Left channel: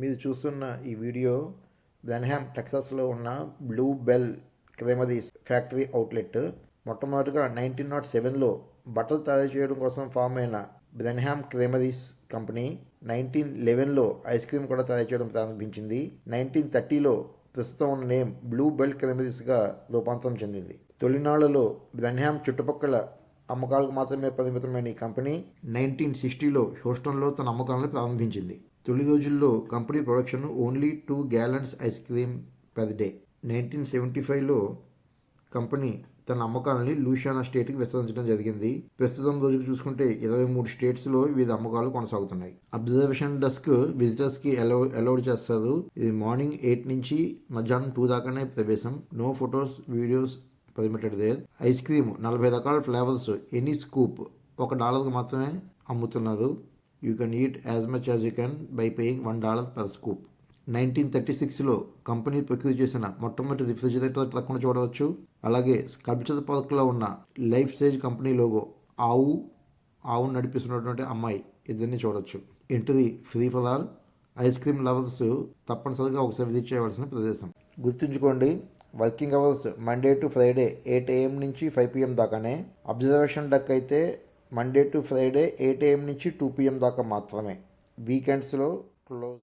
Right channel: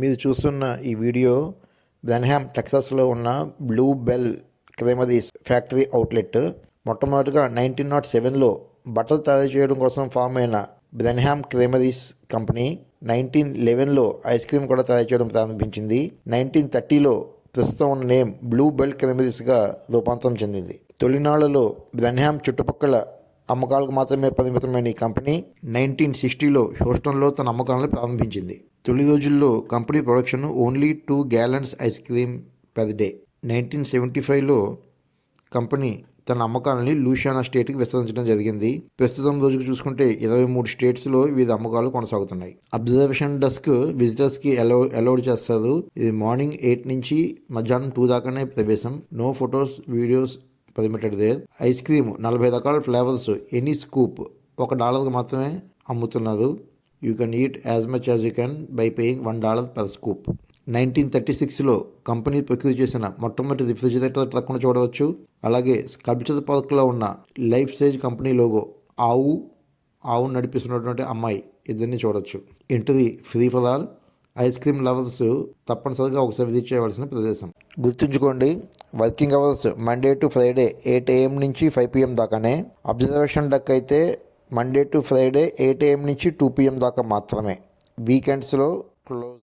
మీరు చూస్తున్న ఈ వీడియో బెన్హామ్ టెక్సాస్లో ఉన్న బ్లూ బెల్ క్రెమరీస్ ఫ్యాక్టరీ అవుట్లెట్. మొట్టమొదటిగా 1907లో బట్టలు తయారు చేయడం కోసం ఫామ్ అయిన బెన్హామ్ క్రెమరీస్ కంపెనీ 1911లో ఐస్ క్రీమ్ కూడా తయారు చేయడం ప్రారంభించింది. 1930లో ప్రస్తుతం ఉన్న నేమ్ బ్లూ బెల్ క్రెమరీస్గా రూపాంతరం చెందింది. తొలినాళ్లలో బెన్హామ్ చుట్టుపక్కల అమ్మకాలకు మాత్రమే పరిమితమైన ఈ కంపెనీ 1960లో హ్యూస్టన్లో తన అమ్మకాలను ప్రారంభించింది. తొలి రోజుల్లో company production only 2 gallons ice cream per day. 1975లో కంపెనీ తన అమ్మకాలని లూసియానా స్టేట్కి విస్తరించడం జరిగింది. ప్రస్తుతం రోజుకు చూసుకుంటే 23 స్టేట్స్లో వీరి అమ్మకాలు కొనసాగుతున్నాయి. అబ్జర్వేషన్ డెస్క్ విజిటర్స్కి అలౌడ్ చేస్తారు. ఇది మార్నింగ్ 8 నుంచి మధ్యాహ్నం 2 దాకానే ప్రవేశం. No photos videos permitted there. Ice cream 40 రకాల ఫ్లేవర్స్, ఎనీ స్కూప్ $1 మాత్రమే అమ్ముతున్నారు. You can eat as much as you can by paying $1 per scoop. 1936లో కంపెనీ ప్రకృతి చేసిన మొట్టమొదటి రిఫ్రిజిరేటర్ ట్రక్ను చూడవచ్చు. అలాగే స్కల్ప్చర్ పార్క్లో ఉన్న లైఫ్ సైజ్ కంపెనీ లోగో, ఆవు నడిపిస్తున్నటువంటి అమ్మాయి ఇద్దరిని చూడవచ్చు. Entry free for all. Ice cream lovers తప్పనిసరిగా ఒకసారి విజిట్ చేయవలసిన ప్రదేశం. గుర్తుంచుకోండి, working hours Monday to Friday 8 AM నుంచి 5 PM దాకానే. అబ్జర్వేషన్ డెక్ అయితే మండే టు ఫ్రైడే 8 AM నుంచి 2 PM దాకా మాత్రమే. వీకెండ్స్లో క్లోజ్.